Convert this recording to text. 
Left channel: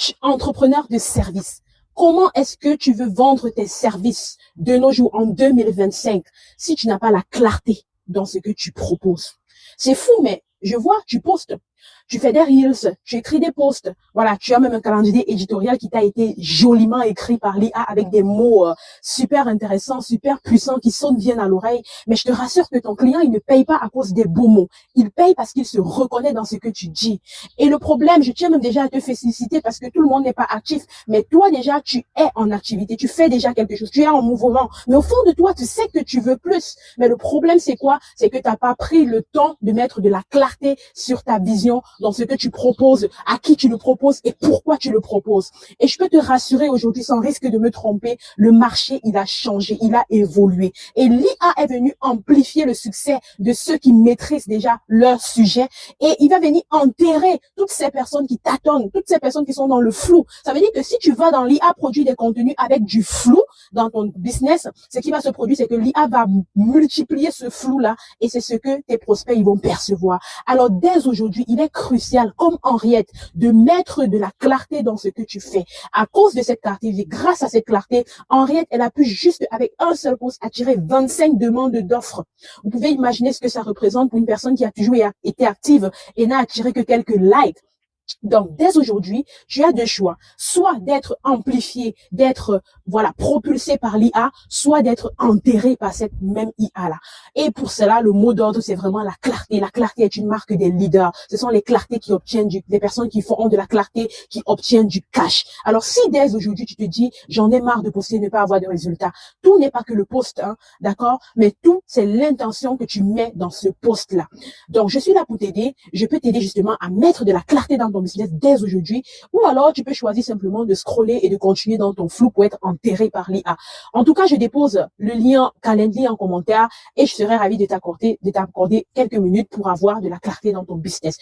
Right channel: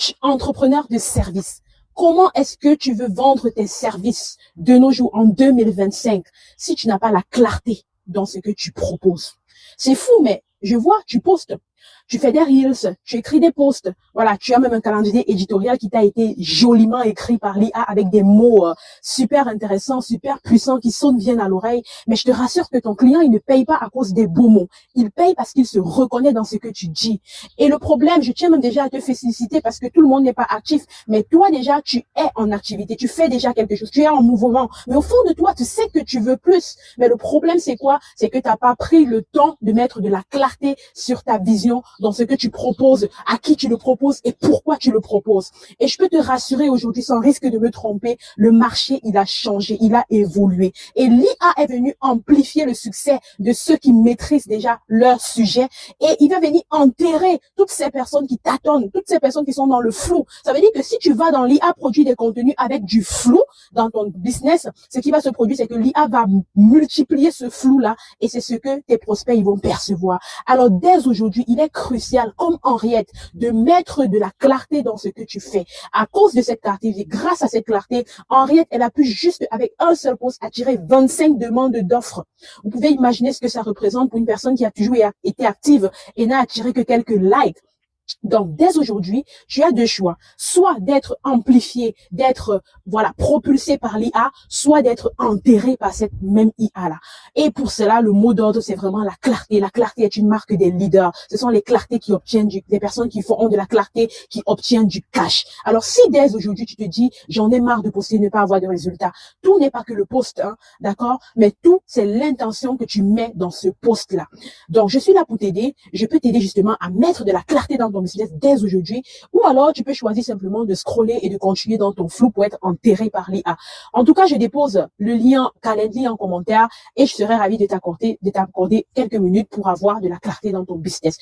Coach entrepreneur de service. Comment est-ce que tu veux vendre tes services de nos jours en 2025 si tu n'as pas la clarté dans ce que tu proposes? C'est fou, mais je vois, tu postes. Tu fais des reels, tu écris des posts. Voilà, tu as même un calendrier éditorial qui t'a été joliment écrit par l'IA avec des mots super intéressants, super puissants qui sonnent bien à l'oreille. Mais je te rassure que ton client, il ne paye pas à cause des beaux mots. Il paye parce qu'il se reconnaît dans ce que tu dis. Et le problème, je tiens même déjà à te féliciter parce que tout le monde n'est pas actif. Mais toi déjà, tu es en activité. Tu fais déjà quelque chose. Tu es en mouvement. Mais au fond de toi, tu sais que tu veux plus. Mais le problème, c'est quoi? C'est que tu n'as pas pris le temps de mettre de la clarté sur ta vision, dans ce que tu proposes, à qui tu le proposes et pourquoi tu le proposes. Et je peux te rassurer aujourd'hui, sans risque de me tromper, le marché, il a changé, il a évolué. Et l'IA est venu amplifier le succès de ceux qui maîtrisent déjà leur sujet et il va venir enterrer toutes ces personnes qui tâtonnent, toutes ces personnes qui sont dans le flou. Ça veut dire que si tu vas dans l'IA produire des contenus avec du flou dans ton business, ce qui va se produire, c'est que l'IA va multiplier ce flou-là et c'est ce que tes prospects ils vont percevoir. Alors, dès aujourd'hui, il est crucial, comme Henriette, de mettre de la clarté dans ce que tu fais. À cause de cette clarté, et grâce à cette clarté, Henriette, elle a pu juste, avec un seul post, attirer 25 demandes d'offres. Vous pouvez imaginer ce que ça représente pour une personne qui a toujours été active et n'a attiré que quelques likes. Donc, dès aujourd'hui, tu as deux choix. Soit d'être amplifié, d'être, propulsé par l'IA, soit d'être enterré par cette même IA-là. Et pour cela, le mot d'ordre, c'est vraiment la clarté. La clarté est une marque des leaders. Ce sont les clartés qui obtiennent des personnes qui font de la clarté, qui obtiennent du cash. Alors, si dès aujourd'hui, tu te dis, j'en ai marre de poster, ne pas avoir de résultats, tout n'est pas que le post, hein, d'accord? Mais tout, c'est l'intention que tu mets dans ce post-là. Donc, je suis là pour t'aider. Je peux t'aider justement à mettre de la clarté dans ton business dès aujourd'hui, ou alors tu peux choisir simplement de scroller et de continuer dans ton flou pour être enterré par l'IA. En tout cas, je dépose le lien Calendly en commentaire et je serai ravie de t'accorder quelques minutes pour avoir de la clarté dans ton business.